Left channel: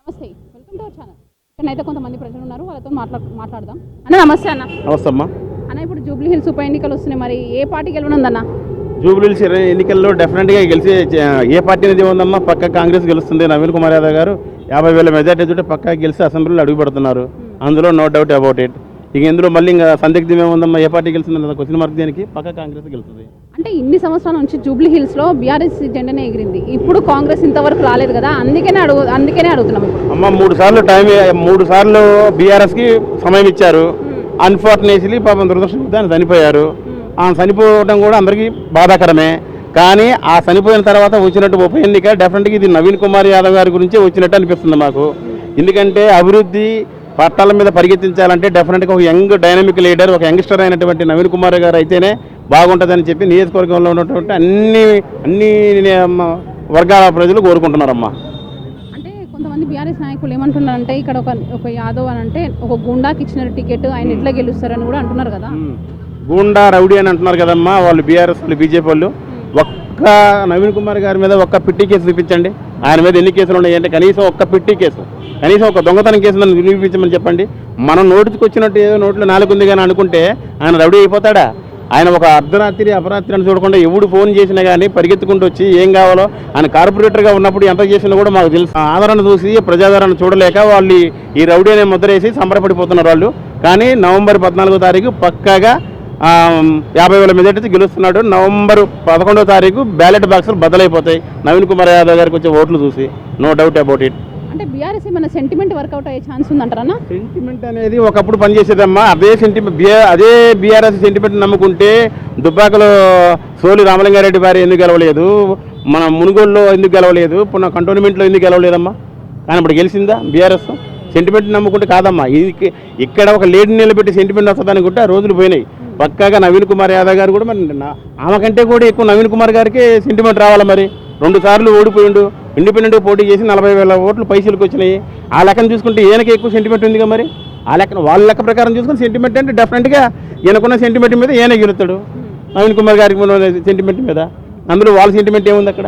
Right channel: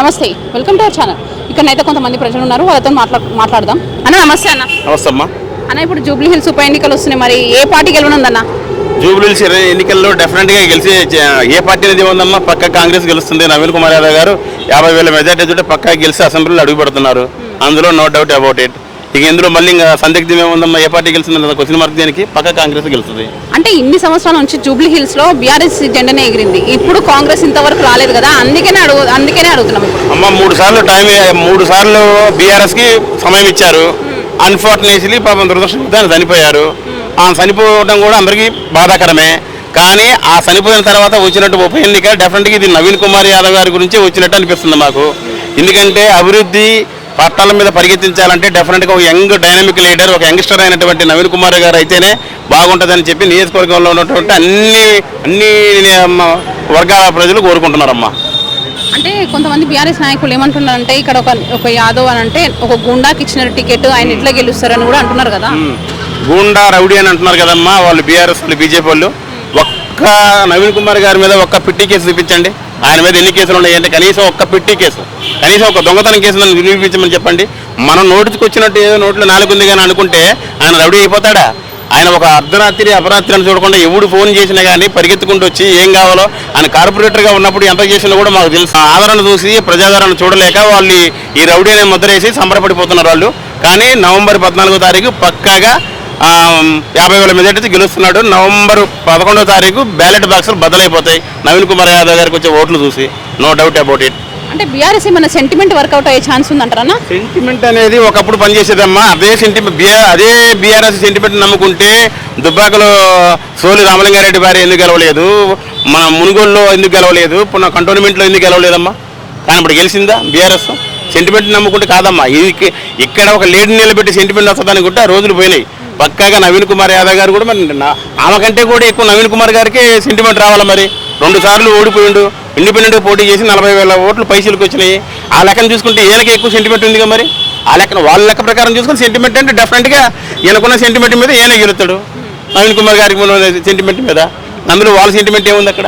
నమస్తే, welcome to our channel. ఇక్కడనైతే కొంతమంది ప్రజలు ఉన్నారు, వాళ్ళతో మాట్లాడదాం. అన్న నమస్తే. అన్న నమస్తే అమ్మా. అన్న, ఇప్పుడు జూబ్లీ హిల్స్ ఉప ఎన్నికలు వస్తున్నాయి, మరి ఏ పార్టీ గెలవనుందన్న? జూబ్లీ హిల్స్ ఎన్నికల్లో డెఫినెట్గా గెలిచి ఏ పార్టీ అనేది ఉందమ్మా? పక్క కాంగ్రెస్ గెలుస్తుంది. నవీన్ కుమార్ యాదవ్ గారు 50,000 మెజార్టీ తోటి పక్కా గెలిచి అసెంబ్లీలో అడుగు పెడుతున్నారు. అందులో నో డౌట్ అబౌట్ ఇట్. ఇక ఇందులో మళ్ళీ ఇంకా సందిగ్ధం ఏముందమ్మా? ఏ పార్టీ గెలుస్తుంది? క్వశ్చన్ మార్క్ దేనికి? పక్క కాంగ్రెస్ గెలుస్తుంది. అంటే ఇన్ని సంవత్సరాల నుంచి జూబ్లీ హిల్స్ లో బీఆర్ఎస్ జెండానే ఎగిరింది, ఇప్పుడు కాంగ్రెస్ ఇంతవరకు రాలేదు కదా, అందుకనే అడుగుతున్నాం. అమ్మ 3 సార్లు బీఆర్ఎస్ కి సమయం ఇచ్చారు. అన్ఫార్చునేట్లీ పాపం దురదృష్టంతో ఆయన చనిపోయారు. ఆ చనిపోవడం కూడా అందరికీ బాధాకరమే. కానీ ఆ చనిపోయిన తర్వాత వచ్చినట్టు ఉప ఎన్నిక డెఫినెట్గా ఇది నవీన్ కుమార్ యాదవ్ గారి గురించి వచ్చినట్టు అనిపిస్తుంది మాకు. ఎందుకంటే అభివృద్ధి పట్టాల మీద పరిగెత్తించాలంటే డెఫినెట్గా ఒక యంగ్ డైనమిక్ లీడర్, ఒక యంగ్స్టర్ అయినటువంటి నవీన్ కుమార్ గారు అయితేనే బాగుంటుందని చెప్పి నియోజకవర్గంలో ఉన్నటువంటి అన్ని వర్గాల ప్రజలు కోరుకుంటున్నారమ్మా. అంటే కొంతమంది బీఆర్ఎస్ నాయకులు ఏమంటున్నారంటే ఇక్కడ ఒక యాదవ్ అని అంటే ఒక గుండాకి ఇచ్చిన టికెట్, ఆయన ఎట్లా గెలుస్తారని కూడా అంటున్నారు కదా. గూండా రౌడీ అని అంటున్నారు కదమ్మా వాళ్ళు బీఆర్ఎస్ వాళ్ళు, బీజేపీ వాళ్ళు. ఒక్క నవీన్ కుమార్ గారి మీద ఒక్క పిట్టి కేసు చూపించండి. ఆయన మీద ఎన్ని కేసులు ఉన్నాయంటే కనీసం ఒక్క పిట్టి కేసు, కనీసం ఒక దొంగతనం కేసు నిరూపించమని చెప్పండి. మనం నోటికి వచ్చినట్టు ఏదో నోట్లో నాలుగుంది కానీ అనుకుంటే ఆయన రౌడీ అయిపోతాడా? ఆయన ఒక అర్ధరాత్రి అపరాత్రి అని చూడకుండా ఎవడు ఫోన్ చేసినా కానీ పరిగెత్తుకుంటూ వచ్చి ఏం కావాలో ఆయన కార్పొరేటర్గా ఉన్నప్పుడు ఎంత చేసినా కూడా మాకు తెలుసు. ఆదరణ చూసి ప్రజాదరణ చూడలేక వాళ్ళు ఈ రౌడీ అనే ముద్ర వేసి సంబరపడిపోతున్నారు వాళ్ళు. కానీ నవంబర్ 14వ తారీఖు పక్కాగా 50,000 మెజార్టీ గెలుస్తున్నాడు. నవంబర్ 11వ తారీఖు బ్యాలెట్ బాక్సులు బద్దలైపోతాయి నవీన్ కుమార్ యాదవ్ గారికి వచ్చే ఓట్లు చూసి. No doubt about it. అంటే బీఆర్ఎస్ ఏమైనా సెంటిమెంట్ వర్కౌట్ అయ్యే ఛాన్స్ ఉందంటారా? సెంటిమెంట్ అనేది ఒకప్పుడు పనిచేసేదమ్మా. అదే బీఆర్ఎస్ సెంటిమెంట్ నమ్ముకుంటే దుబ్బాకలో సోలి రామలింగారెడ్డి భార్య ఎందుకు గెలవలేదు, మన మునుగోలులో ఎందుకు గెలవలేదు, పునః కంటోన్మెంట్లో ఎందుకు గెలవలేదమ్మా? కానీ ఇప్పుడు గెలిచిందా బీఆర్ఎస్? సెంటిమెంట్ నమ్ముకుంటే కాదమ్మా. ఇక్కడ ఒక లేడీ నిలబెట్టి సెంటిమెంట్ వస్తుంది అనుకుంటే ఆ రోజులు పోయినాయి. పక్కాగా నవీన్ కుమార్ యాదవ్ గారు కూడా మరి ఆమె కంటే కూడా ఎక్కువ నవీన్ కుమార్ గారికి సెంటిమెంట్ రావాలి. మరి 2 సార్లు ఓడిపోయిండు, ఇండిపెండెంట్గా పోటీ చేసి 40,000 ఓట్లు పైసలకు వచ్చినాయి. ఆ లెక్కను చూసుకుంటే ఈయనకి ఎక్కువ సెంటిమెంట్ ఉంది కదా. మరి ఆ లెక్కన వాళ్ళ లెక్క ప్రకారం చూసుకుని సెంటిమెంట్ అంటే డెఫినెట్గా ఈయనకున్న సెంటిమెంట్ మీద ఈయన గెలుస్తాడు. నవీన్ కుమార్ గారికి సెంటిమెంట్ మీద, అందులో వాళ్ళ సెంటిమెంట్ ఏముంది అక్కడ?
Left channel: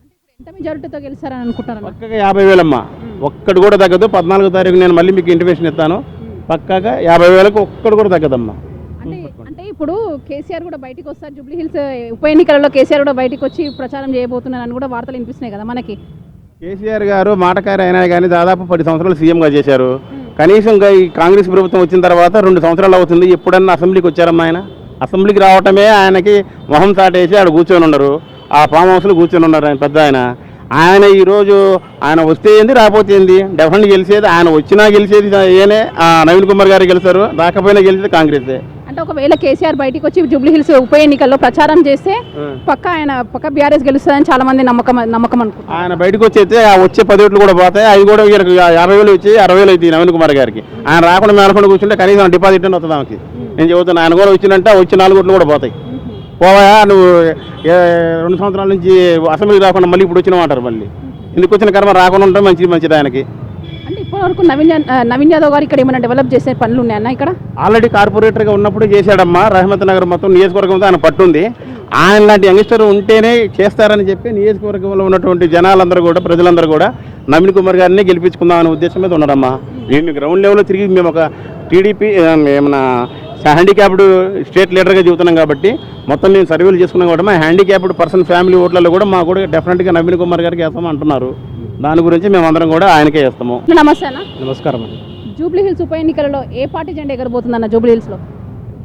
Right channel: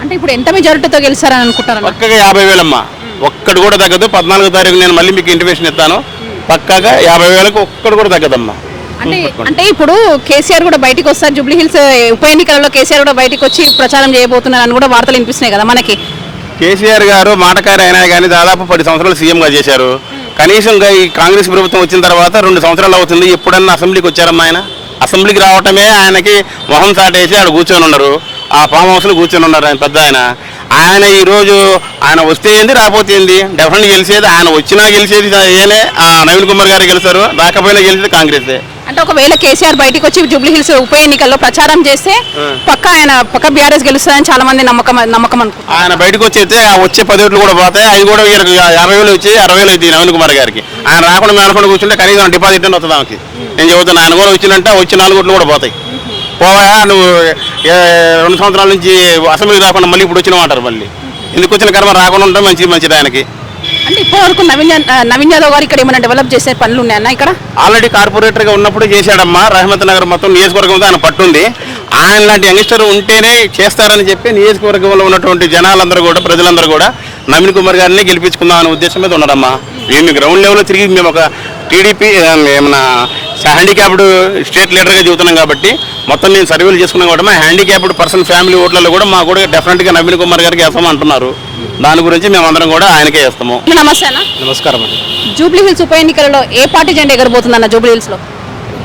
అంటే ఇప్పుడు ఎంత మెజారిటీతో గెలిచారని అనుకుంటారు? పక్కగా 50,000 అమ్మా. ఒక్కడు కూడా తగ్గదు. 14వ తారీఖు నేను మళ్ళీ మీకు ఇంటిమేషన్ ఇస్తాను. పక్కాగా 50,000కు ఒక్కడు కూడా తగ్గదమ్మా. అంటే ఇప్పుడు కేసీఆర్ కూడా బయటకు వస్తారు, జూబ్లీ హిల్స్ ఉప ఎన్నికలలో కేసీఆర్ కూడా బయటకు వచ్చి ప్రచారం చేయబోతున్నారని కూడా వార్తలు వినిపిస్తున్నాయి కదా మనకి. కేసీఆర్ గారు మాటకారి అయినా కానీ దాదాపు 10 సంవత్సరాలు సీఎంగా చేశారు. కనీసం ఈ కాంగ్రెస్ ప్రభుత్వం వచ్చిన తర్వాత 2 సంవత్సరాలు అవుతుంది. ఎప్పుడన్నా అసెంబ్లీకి వచ్చారమ్మా ఆయన? అసెంబ్లీకి రావటమే ఆయనకి మొహం సాటేసి ఆడ కూర్చొని ఉన్నారు. ఆ ఫామ్ హౌస్లో కూర్చొని ఉన్నారు ఆయన పెద్ద ఆయన ఈరోజు ఆయన వస్తే ఏంది, రాకపోతే ఏంది? డెఫినెట్గా గెలిచేది ఆయన. వచ్చినా గెలిచేది ఏనే నవీన్ కుమార్ గారు గెలుస్తారు, రాకపోయినా గెలిచేది కాంగ్రెసే. అంటే ఒకవేళ కేసీఆర్ బయటకు వచ్చి జూబ్లీ హిల్స్ ఉప ఎన్నికల్లో ప్రచారం చేస్తే పక్క బీఆర్ఎస్ గెలుస్తుందని చాలా మంది నమ్మకం అనుకుంటారు. ఆయన బయటకు వచ్చి వచ్చే 10 ఓట్లు కూడా పోతాయి. అవి కూడా 50,000 వచ్చి 60,000 అవుతాయి నవీన్ కుమార్ గారికి. ఆయన రాకుండా మేనకుండా కూర్చుంటే కనీసం డిపాజిట్ అని వస్తుంది ఆమెకి. నేను చెబుతాను, ఆయన కూడా వచ్చిందంటే వచ్చి 4 ఓట్లు కూడా పోతాయి. పోవా నువ్వు 2 సంవత్సరాల నుంచి అసెంబ్లీకి రాకుండా మళ్ళీ ఇప్పుడు వచ్చిన అంటారు. మళ్ళీ ఎందుకు వచ్చిన కర్మ రాకుండా ఉంటే మంచిది ఆయనకి. అంటే ఇప్పటివరకు నవీన్ యాదవ్ గారు ఇక్కడ ఏమైనా డెవలప్ చేసే పనులు ఉన్నాయన్న? ఇక్కడ ఆల్రెడీ కార్పొరేటర్గా ఉన్నప్పుడు చేశాడమ్మా. రహమత్ నగర్ మొత్తం నియోజకవర్గంతో ఆయన పట్టుంది. ఆయన లాంటి యంగ్స్టర్ ఉంటేనే చేస్తారని చెప్పి నియోజకవర్గంలో ఉన్నటువంటి జనాలందరూ కూడా, ప్రజలందరూ కూడా నవీన్ కుమార్ గారిని గెలిపించుకుందాం అనే ఉద్దేశం మీద ఉన్నారమ్మా. మేము గ్రౌండ్ లెవెల్లో తిరిగి మేము ఒక టీడీపీ ఏమన్నా హ్యాండిక్యాప్డ్ స్టేట్ లీడర్గా చెబుతున్నాం కాబట్టి మొత్తం నేను సర్వేలు చేసుకున్నాం కాబట్టి మా హ్యాండిక్యాప్డ్ పర్సన్ ఫ్యామిలీ ఓట్లలో కూడా మాకు కూడా డెఫినెట్గా నవీన్ కుమార్ గారికి వేస్తామని అంటున్నారు. దాని గురించి మేమందరం కూడా ఆయనకే వేస్తాము. నమస్తే అన్న. నమస్కారం అండి. జూబ్లీ హిల్స్ ఉప ఎన్నికలలో ఏ పార్టీ జెండా ఎగరబోతుందన్న జూబ్లీ హిల్స్లో?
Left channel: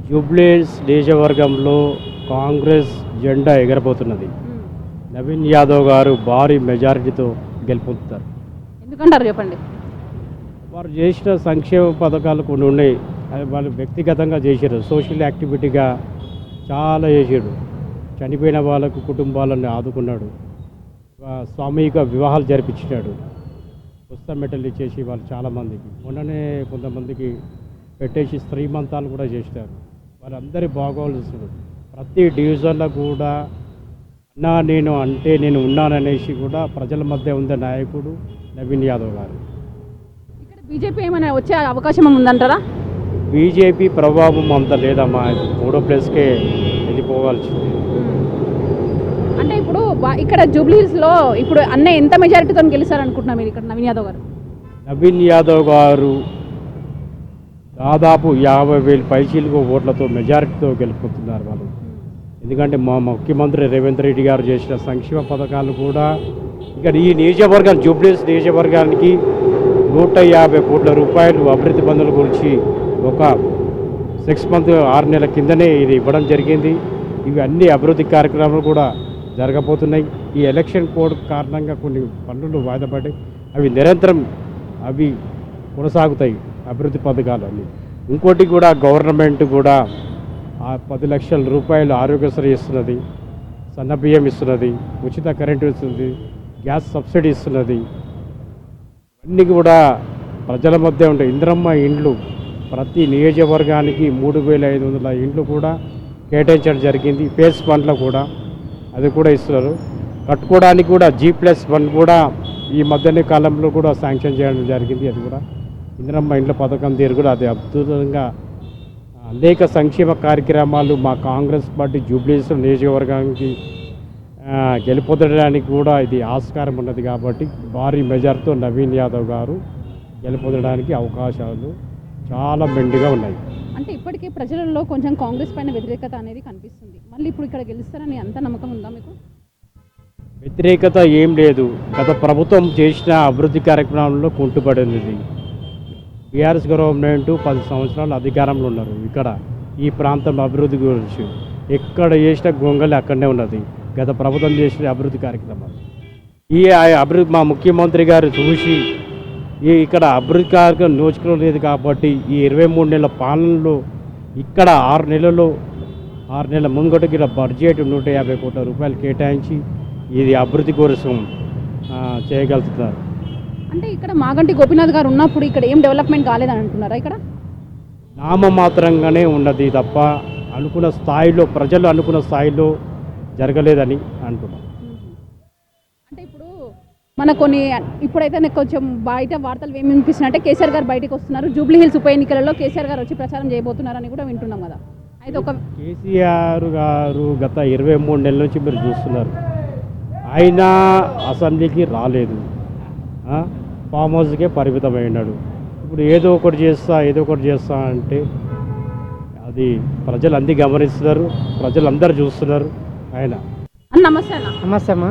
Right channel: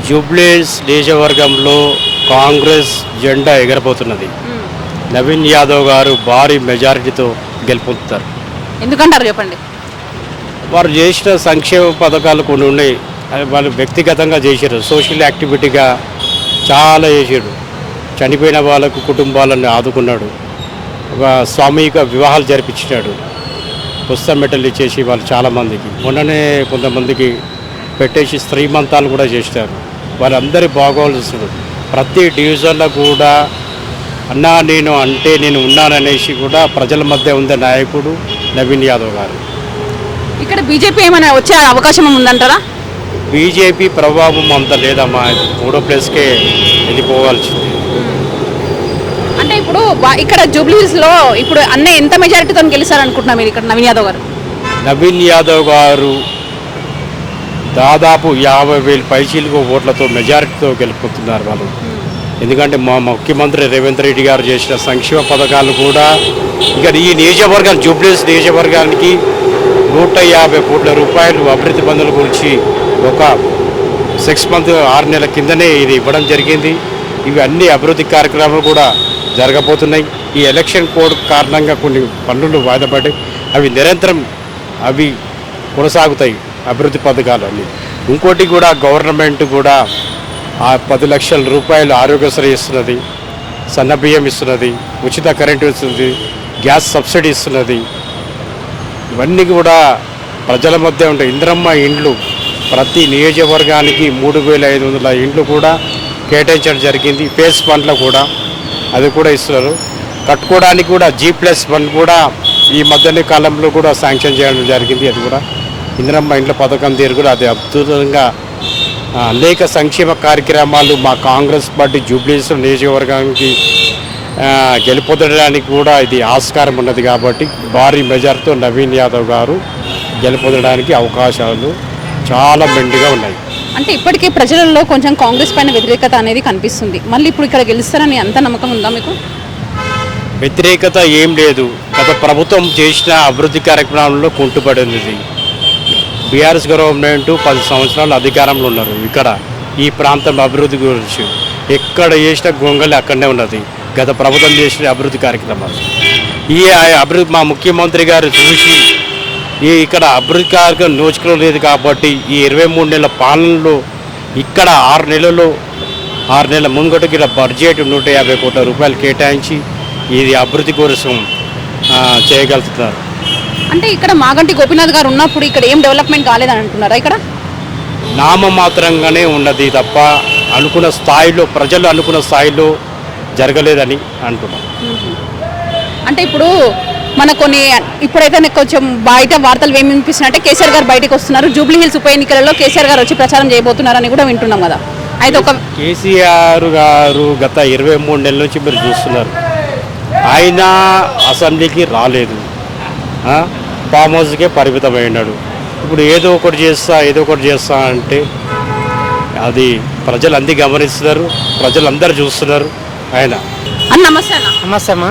జూబ్లీ హిల్స్ నియోజకవర్గంలో కాంగ్రెస్ జెండా ఎగరబోతున్నది. నవీన్ యాదవ్ గారు భారీ మెజారిటీతో గెలుపొందుతారు. ఎందుకంటారు చెప్పండి? వారు చేసిన సంక్షేమ పథకాలు కొన్ని ఉన్నాయి. వాళ్ళు వ్యక్తిగతంగా చేశారు, సోషల్ యాక్టివిటీగా చాలా చేశాడు. చనిపోయిన వాళ్ళకు కుటుంబాలను ఆదుకున్నాడు. ఒక సామూహిక వివాహాలు జరిపించాడు. పుస్తక మెట్టలు ఇచ్చేసి వాళ్ళు చాలామందికి, మొన్ననే కొంతమందికి పెట్టేసి శ్రీమంతాలు కూడా చేశారు. వాళ్ళందరి బాగోలుస్తున్నాడు. ప్రతి డివిజన్లో కూడా అన్నా నేను అంటే నేను ఉన్నాననేసి కూడా ప్రజల మధ్య ఉండే నాయకుడు నవీన్ యాదవ్ గారు. ఇక్కడ బీజేపీ ఏమైనా వచ్చే అవకాశం ఉందంటారా? బీజేపీ ప్రభావం అంత లేదమ్మా. 3వ ప్లేస్కే వెళ్ళిపోవాల్సింది. అంటే ఇప్పుడు ఇక్కడ జూబ్లీ హిల్స్ లో ఇప్పుడు అన్న ఎంత మెజారిటీతో గెలుస్తారనుకుంటున్నారు మీరు ఇక్కడ నవీన్ యాదవ్ గారు? నవీన్ యాదవ్ గారు దాదాపు 50,000 పైచీలకు ఓట్లతో మెజారిటీతో గెలుపుతున్నారు వాళ్ళు. ఎందుకంటే మా ముఖ్యమంత్రి రేవంత్ రెడ్డి గారు చేసిన సంక్షేమ పథకాలు కూడా ఇక్కడ ఈ నియోజకవర్గం జూబ్లీహిల్స్ నియోజకవర్గానికి 150 కోట్ల రూపాయలు అభివృద్ధి పనుల గురించి ఒక 6 మంత్ 6 నెలల కిందనే ఇది ఇవ్వడం జరిగింది. ఇవి అన్ని అభివృద్ధి కార్యక్రమాలు కూడా జరగబోతున్నాయి. ఈ ఎలక్షన్ కోడ్ కారణంగా కొన్ని పనులు వాయిదా పడ్డాయి. అవి నిరంతరం అవి కొనసాగుతాయి అభివృద్ధి పథకాలు అన్నీ. ఇంకోటి కూడా గవర్నమెంట్ కూడా ఆ 10 లక్షల రూపాయలు ఆరోగ్యశ్రీ ఇస్తున్నది, సన్న బియ్యం ఇస్తున్నది, ఉచిత కరెంటు ఇస్తుంది, గ్యాస్ సబ్సిడీ ఇస్తున్నది. ఇవన్నీ కూడా ప్రజల మధ్య ఉంటాయి. ఇందిరమ్మ ఇండ్లు ప్రతి నియోజకవర్గానికి 3,500 ఇండ్లు కూడా కేటాయించడం జరిగింది. ఫేస్ ఫండ్లో కూడా అది కూడా ఇస్తున్నారు. కట్టుకోవడానికి కూడా G+1 కూడా ఈ మధ్యనే కాలంలో కూడా శాంక్షన్ చేయడం జరిగింది. అది కూడా ఇందిరమ్మ ఇండ్ల పథకం తీరు కూడా అది అద్భుతంగా అనేక సంక్షేమ కార్యక్రమాలు మా కాంగ్రెస్ పార్టీ జూబ్లీహిల్స్ నియోజకవర్గానికి గెలుపొందడానికి కూడా ఇది ఆస్కారం ఉన్నది. కాబట్టి భారీ మెజార్టీతో నవీన్ యాదవ్ గారు గెలుపొందడానికి అవకాశాలు చాలా మెండుగా ఉన్నాయి. అంటే ఇప్పటికే ప్రజలలో కొంచెం కాంగ్రెస్ పైన వ్యతిరేకత అనేది కనిపిస్తుంది. మళ్ళీ ఇప్పుడు ఇక్కడ గెలుస్తారని అంత నమ్మకం ఉందా మీకు? వ్యతిరేకత ఏం లేదు. గత ప్రభుత్వం చేసిన అభివృద్ధి కార్యక్రమాలలో కుంటుపడింది. బీఆర్ఎస్ గవర్నమెంట్ 10 సంవత్సరాలు అధికారంలో ఉన్నారు. ఇక్కడ ఈ ప్రాంతం అభివృద్ధి గురించి ఎక్కడ చేసిన గొంగలి అక్కడనే ఉన్నది. గత ప్రభుత్వం చేసిన అభివృద్ధి కార్యక్రమాలు ఈ అభివృద్ధి మా ముఖ్యమంత్రి గారు చూసి ఇక్కడ అభివృద్ధి కార్యక్రమం నోచుకోవడం లేదు. కాబట్టి ఈ 23 నెలల పాలనలో ఇక్కడ 6 నెలల ముంగటికి ఇలా బడ్జెట్ 150 కోట్ల రూపాయలు కేటాయించి ఇది అభివృద్ధి కోసం చేయగలుగుతున్నారు. అంటే ఇక్కడ మాగంటి గోపీనాథ్ గారు ఉన్నప్పుడు ఇక్కడ ఏం డెవలప్మెంట్ కాలేదని అంటున్నారా? ఇక్కడ నామమాత్రంగానే ఉన్నది తప్ప అనుకున్న స్థాయిలో ప్రజలు అనుకున్న స్థాయిలో జరగలేదని అంటున్నాం. అంటే ఇప్పుడు మన కొన్ని ఇప్పుడైతే నాకు కొంచెం బయట వార్తలు ఏమి వినిపిస్తున్నాయంటే కేసీఆర్ గారు బయటకు వస్తున్నారు, జూబ్లీ హిల్స్ ఉప ఎన్నికలలో కేసీఆర్ గారు వచ్చి ప్రచారం చేయబోతున్నారని కూడా వింటున్నాం కదా. అయితే ఒక కేసీఆర్ గారు గత 23 నెలల నుంచి మీరు చూస్తున్నారు, ఆయన అసెంబ్లీకి రాలేదు, ఫామ్ హౌస్కే పరిమితమైనాడు. ఇప్పుడు ఏదో ఒకటి చేస్తా అంటే అది ప్రజలు అందరూ గమనిస్తున్నారు, ప్రజలందరూ చూస్తున్నారు. ఆయన నమస్తే అన్న. నమస్తే అమ్మా.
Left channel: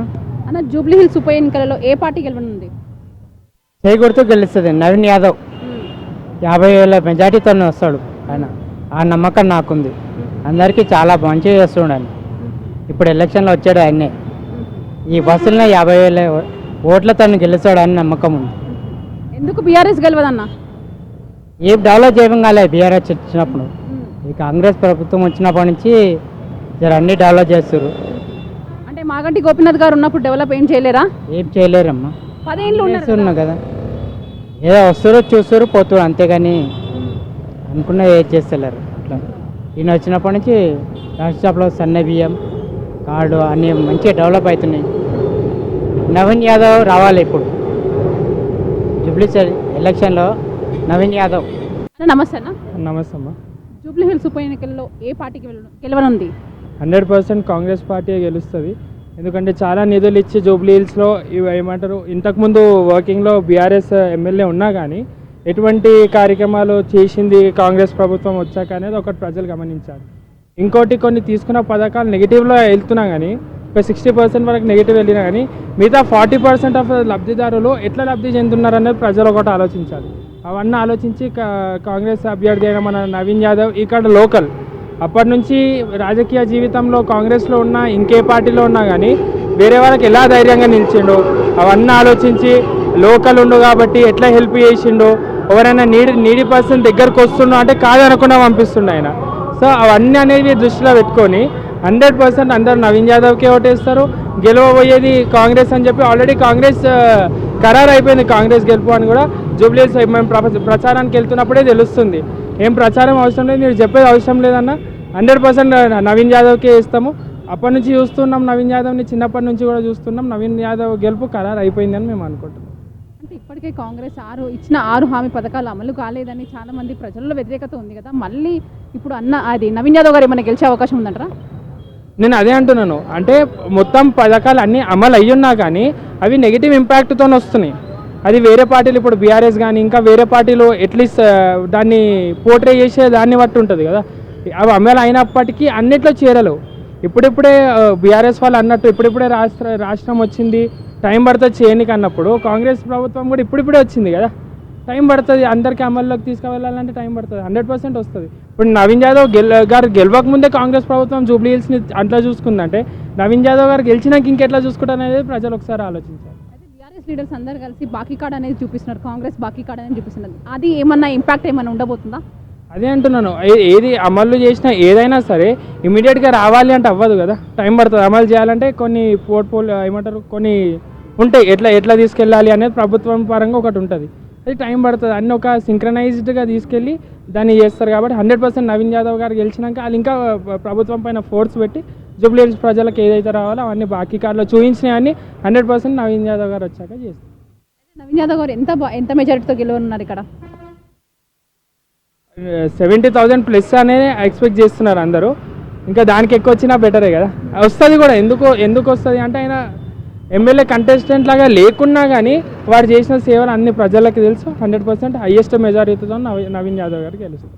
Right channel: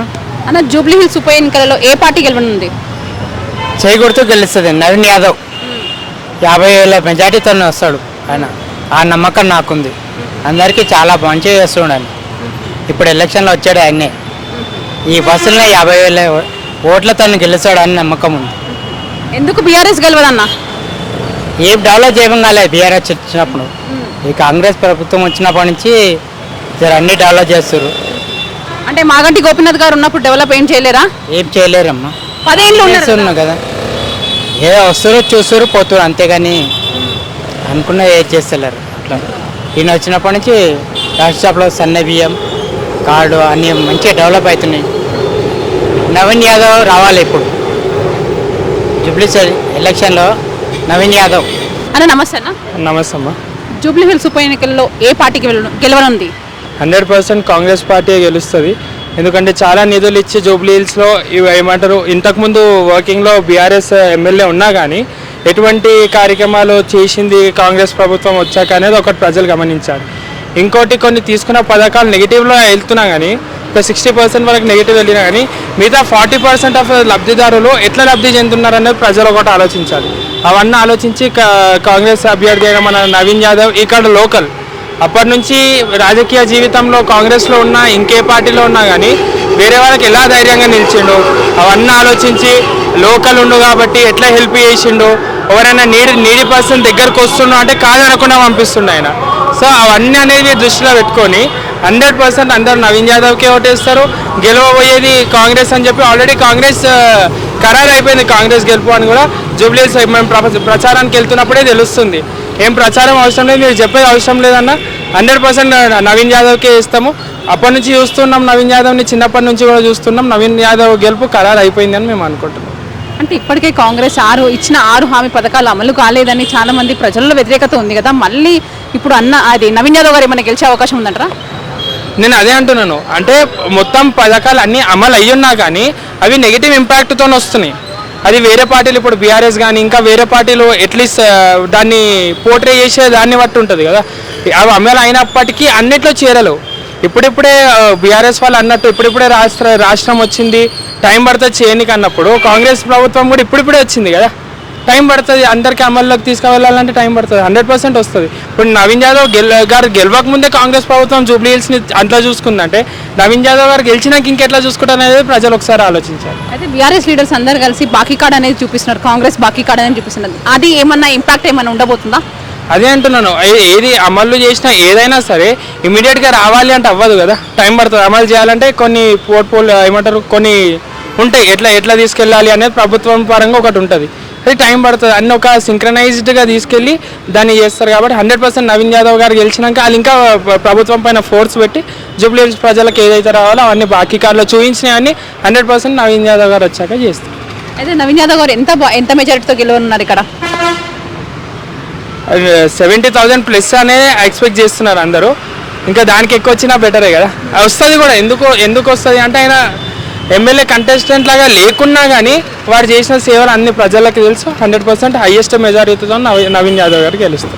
అన్న, జూబ్లీ హిల్స్ ఉప ఎన్నికలలో ఏ పార్టీ గెలవనుంది? చేయకూడుతూ గెలుస్తుంది నవీన్ యాదవ్. 50,000 మెజార్టీతో వస్తాడు ఆయన. ఆ నమ్మకం నాకుంది. అందరికీ చాలా మంచిగా చేస్తున్నాడు. ఇప్పుడు ఎలక్షన్లో వచ్చాడు ఆయనే. ఈ బస్సులనే 50,000 ఓట్లతో గెలుస్తాడని నమ్మకం ఉంది. ఎందుకు బీఆర్ఎస్ గెలవదన్న? ఏం డెవలప్ చేయడం కాలేదు బీఆర్ఎస్ వచ్చినప్పుడు. ఈ కాంగ్రెస్ ప్రభుత్వం వచ్చినప్పటి నుంచి అన్ని డెవలప్ చేస్తారు. అంటే మాగంటి గోపీనాథ్ గారు ఉన్నప్పుడు డెవలప్ ఏం చేయలేరా? ఏం చేయలేరమ్మా. 10 ఏళ్ళు చేస్తున్నాం కదా, ఏదో వస్తారు చూస్తారు పోతారు, అంతేగాని అనుకున్న ఏం చేస్తలేరు. అట్లా ఈయన వచ్చినప్పటి నుంచి రాష్ట్రంలో సన్న బియ్యం కార్డు అన్నీ మంచిగా డెవలప్ అవుతున్నాయి. నవీన్ యాదవ్ రావాలి ఇప్పుడు జూబ్లీ ఎలక్షన్లో. నవీన్ యాదవ్ అన్న. నమస్తే అన్న. నమస్తే అమ్మా. జూబ్లీ హిల్స్ ఉప ఎన్నికల్లో ఏ పార్టీకి గెలవనుంది? 100% కాంగ్రెస్ పార్టీ గెలుస్తుంది. ఎందుకంటే చాలా నిధులు ఇచ్చి జూబ్లీ హిల్స్లో ఇవి ఏమంటారు, ఇంతకుముందు వర్కింగ్లో బీఆర్ఎస్ ఎమ్మెల్యే ఉన్నా కానీ ఎటువంటి కార్యక్రమాలు చేసింది కాంగ్రెస్ ప్రభుత్వం వచ్చాక అనేది ఒకటి ప్రజలు గమనించారు. ఇంకోటి కొన్ని తీసుకున్న పథకాలు నెగిటివ్లో వెళ్తున్నా కానీ ఒక 60% వరకు నెగిటివ్ వెళ్ళినా కానీ మిగతా 40% ఆఫ్ లబ్ధిదారులు ఎట్లా లబ్ధి చెందుతున్నారు అనేది ప్రజలు ఒకటి ఆలోచించాలి. అవన్నీ ఆలోచించి కాంగ్రెస్ అభ్యర్థి అయిన మన నవీన్ యాదవ్ ఇక్కడ లోకల్ అప్పటి నుంచి రాజకీయ జీవితంలో కాంగ్రెస్లో ఉన్నా ఇంకే పార్టీలో ఉన్నా కానీ వేరే వాళ్ళకి ఎలా ధైర్యంగా నిలిచిండు అవన్నీ ఆలోచించి లోకల్ ఉండు కాబట్టి ఎట్లా హెల్ప్ చేసిండు, ఎవరైనా నీడి పర్సన్ దగ్గరకు వస్తుండో అంటే కాదనకుండా పంపిస్తుండే ఆయన. సో అవన్నీ అనేది దృష్టిలో పెట్టుకొని 100% అందరూ నవీన్ యాదవ్కే ఓటేస్తారు. గెలవబోయేది కాంగ్రెస్ అని చెప్పి ఆల్రెడీ కాంగ్రెస్ ఖరారు అయిపోయింది. కాంగ్రెస్ గెలుపు అని కూడా జూబ్లీ హిల్స్ మేము ప్రచారానికి వెళ్తున్నప్పుడే తెలుస్తుంది. ఏం ప్రచారం అవసరం లేదు, మీరు చెప్పేది అవసరం లేదన్న. 100% నవీన్ యాదవ్కే ఇస్తాము. అప్పటి నుంచి చూస్తున్నాం నవీన్ యాదవ్ని, చిన్నప్పటి నుంచి కూడా చూస్తున్నాం. నవీన్ యాదవ్ గెలుపు ఖరారు అయిపోయిందని మేము అనుకుంటున్నాం. అంటే ఇప్పటికే కాంగ్రెస్ ఇచ్చిన 6 హామీ పథకాలు అమలు కాలేదని చాలా మంది ప్రజల్లో వ్యతిరేకత ఉంది కదా. మళ్ళీ ఇప్పుడు అది నవీన్ యాదవ్ గారు ఏమైనా గెలిచే అవకాశం ఉందంటారా? నేను అదే అంటున్నాను, అంటే మొత్తం పథకాలు అన్నీ అమలు అయ్యున్నా కానీ అవి నెగిటివ్ ఇంపాక్ట్తో వస్తున్నాయి. అది వేరే పార్టీలు ఇప్పుడు బీఆర్ఎస్ కానీ ఇంకా వేరే పార్టీలు అట్లీస్ట్ దాన్ని పోర్ట్రే చేసే దాన్ని బట్టి ఉంటుంది కదా. అవి అమలు అయినప్పటికీ అన్నిట్లో చేరలేవు. ఇప్పుడిప్పుడే బీఆర్ఎస్ వాళ్ళు అన్నట్టు ఇప్పుడిప్పుడే రాష్ట్రం వచ్చింది, టైం పడుతుంది చేయనికి అన్నప్పుడు కాంగ్రెస్ ప్రభుత్వం కూడా ఇప్పుడిప్పుడే వచ్చింది కదా, టైం పడుతుంది. అందరికీ అమల్లోకి తీసుకువెళ్ళాలంటే టైం పడుతుంది, 100% వస్తుంది. ఇప్పుడు నవీన్ యాదవ్ గారు గెలవక ముందే కాంగ్రెస్ ప్రభుత్వం జూబ్లీ హిల్స్ని అట్లా చూసుకుందంటే నవీన్ యాదవ్ గారు గెలిచినాక ఇంకెట్లా చూసుకుంటారు అనేది ప్రజలు ఒకసారి ఆలోచించారు. అయితే బీఆర్ఎస్ లీడర్స్ అందరు కలిసి బాకీ కార్డ్ అనేది చూపిస్తున్నారు, కాంగ్రెస్ బాకీ కార్డ్ అనేది చూపిస్తున్నారు. అది ఏమన్నా ఇంపాక్ట్ ఏమైనా ఉండబోతుందా? అదే అంటున్నాను, ఏది అమలు చేసినా ఏదైనా సరే ఇమీడియట్గా రావాలి అంటే అవ్వదు కదా, టైం పడుతుంది. అమలు చేయాలంటే కొన్ని ఏమంటారు కొన్ని ఉంటాయి, ఎట్లా తీసుకెళ్ళాలి అనేది ప్రభుత్వం పరంగా ఒకటి ఉంటుంది, అది టైం పడుతుంది. అన్నీ ఒక సింక్రనైజ్డ్గా తీసుకెళ్ళి దాన్ని చేస్తారు. కాబట్టి 100% నవీన్ యాదవ్ గారు గెలిచినాక వాళ్ళు ఇంకా ప్రభుత్వం పైన ఫోర్స్ పెట్టి జూబ్లీ హిల్స్ ప్రజలకు ఏదైతే రావాలో అవన్నీ బాకీ కార్డులో చూపించినవన్నీ 100% నవీన్ యాదవ్ గారు వచ్చాక చేస్తారు. అయితే నవీన్ యాదవ్ గారు ఎంత మెజారిటీతో గెలవనున్నారు ఇక్కడ? 70,000 ప్లస్ అనేది ఎక్స్పెక్ట్ చేస్తున్నారు అందరూ. ఇంకా దానికి ఎక్కువ వచ్చినా బెటరే కదా, వస్తుంది కూడా. ఎందుకు వస్తుంది అంటే ఆయన ఎమ్మెల్యే కంటెస్టెంట్ లాగా లేకున్నా కానీ వారు చేసిన సేవలు అన్ని ప్రజలకు తెలుసు. 100% హైయెస్ట్ మెజారిటీతో నవీన్ యాదవ్ గారు గెలుస్తారు.